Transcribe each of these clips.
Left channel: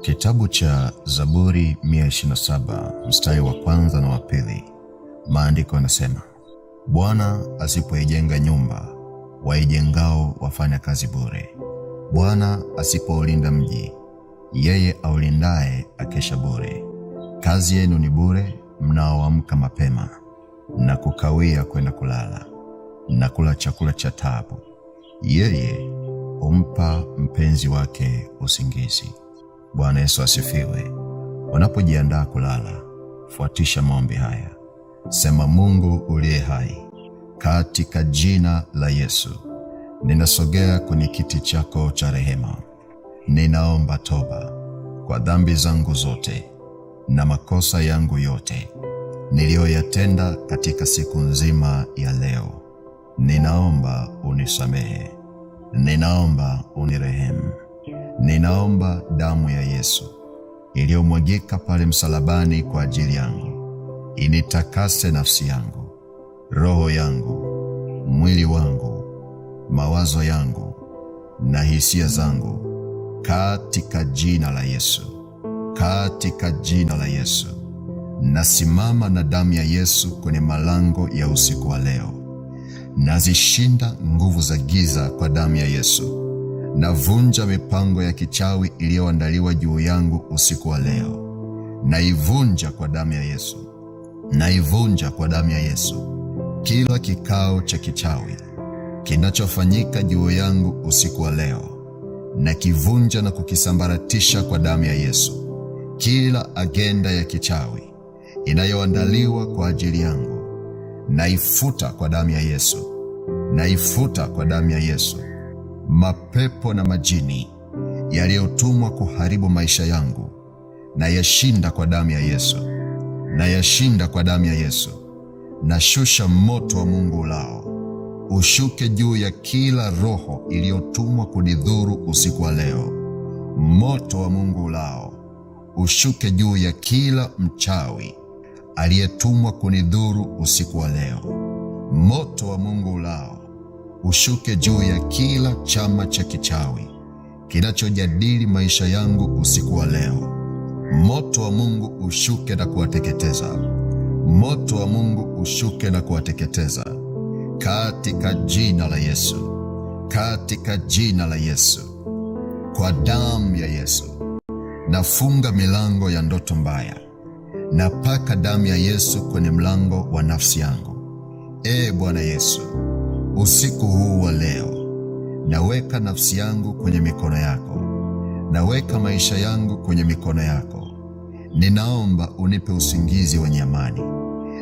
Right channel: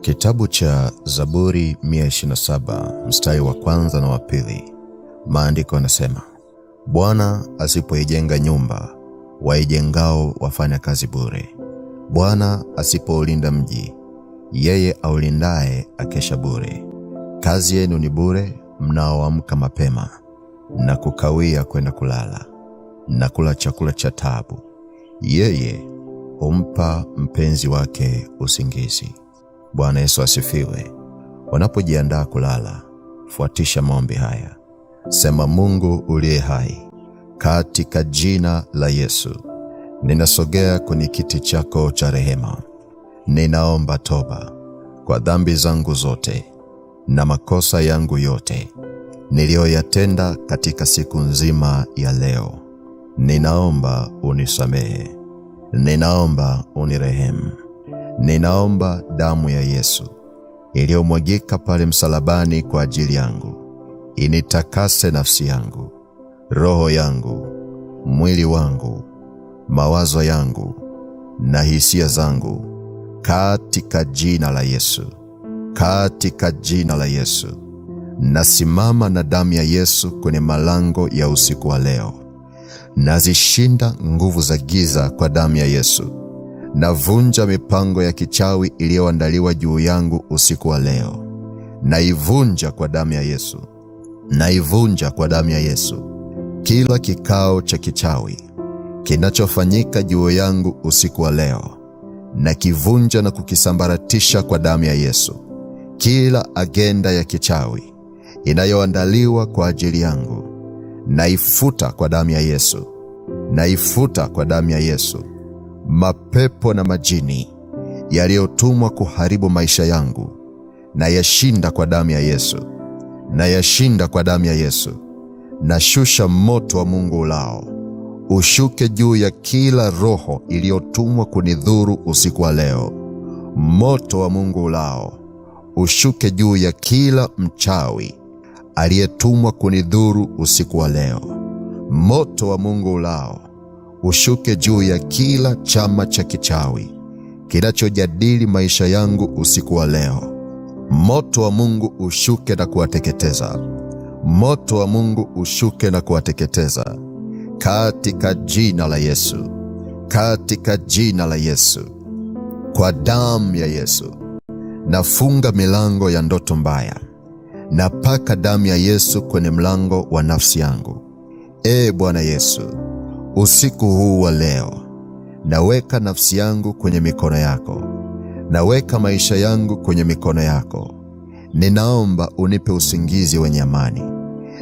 Kitabu cha Zaburi 127 mstari wa kwanza na wa pili. Maandiko yanasema, Bwana asipoijenga nyumba, waijengao wafanya kazi bure. Bwana asipoulinda mji, yeye aulindaye akesha bure. Kazi yenu ni bure, mnaoamka mapema na kukawia kwenda kulala na kula chakula cha taabu. Yeye humpa mpenzi wake usingizi. Bwana Yesu asifiwe. Unapojiandaa kulala, fuatisha maombi haya. Sema: Mungu uliye hai, katika jina la Yesu, ninasogea kwenye kiti chako cha rehema. Ninaomba toba kwa dhambi zangu zote na makosa yangu yote niliyoyatenda katika siku nzima ya leo. Ninaomba unisamehe. Ninaomba unirehemu. Ninaomba damu ya Yesu iliyomwagika pale msalabani kwa ajili yangu initakase nafsi yangu, roho yangu, mwili wangu, mawazo yangu na hisia zangu, katika jina la Yesu. Katika jina la Yesu, nasimama na damu ya Yesu kwenye malango ya usiku wa leo. Nazishinda nguvu za giza kwa damu ya Yesu. Navunja mipango ya kichawi iliyoandaliwa juu yangu usiku wa leo. Naivunja kwa damu ya Yesu. Naivunja kwa damu ya Yesu. Kila kikao cha kichawi kinachofanyika juu yangu usiku wa leo, nakivunja na kukisambaratisha kwa damu ya Yesu. Kila agenda ya kichawi inayoandaliwa kwa ajili yangu, naifuta kwa damu ya Yesu. Naifuta kwa damu ya Yesu. Mapepo na majini yaliyotumwa kuharibu maisha yangu, nayashinda kwa damu ya Yesu. Nayashinda kwa damu ya Yesu. Nashusha moto wa Mungu ulao ushuke juu ya kila roho iliyotumwa kunidhuru usiku wa leo. Moto wa Mungu ulao ushuke juu ya kila mchawi aliyetumwa kunidhuru usiku wa leo. Moto wa Mungu ulao ushuke juu ya kila chama cha kichawi kinachojadili maisha yangu usiku wa leo. Moto wa Mungu ushuke na kuwateketeza. Moto wa Mungu ushuke na kuwateketeza katika jina la Yesu. Katika jina la Yesu. Kwa damu ya Yesu nafunga milango ya ndoto mbaya. Napaka damu ya Yesu kwenye mlango wa nafsi yangu. Bwana Yesu, usiku huu wa leo naweka nafsi yangu kwenye mikono yako. Naweka maisha yangu kwenye mikono yako. Ninaomba unipe usingizi wenye amani.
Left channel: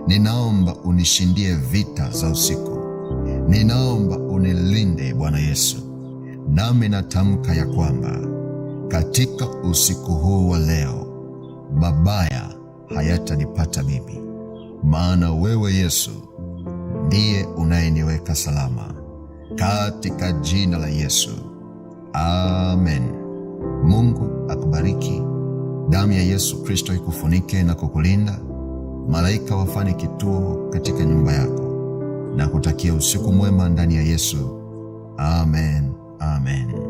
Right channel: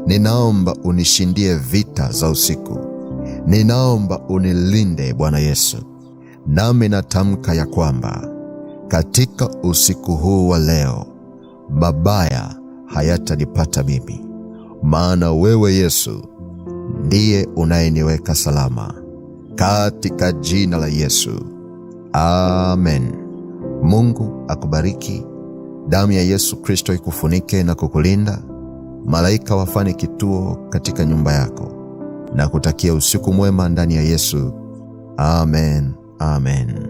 Ninaomba unishindie vita za usiku. Ninaomba unilinde Bwana Yesu. Nami natamka ya kwamba katika usiku huu wa leo mabaya hayatanipata mimi, maana wewe Yesu ndiye unayeniweka salama. Katika jina la Yesu, amen. Mungu akubariki. Damu ya Yesu Kristo ikufunike na kukulinda. Malaika wafanye kituo katika nyumba yako na kutakia usiku mwema ndani ya Yesu. Amen. Amen.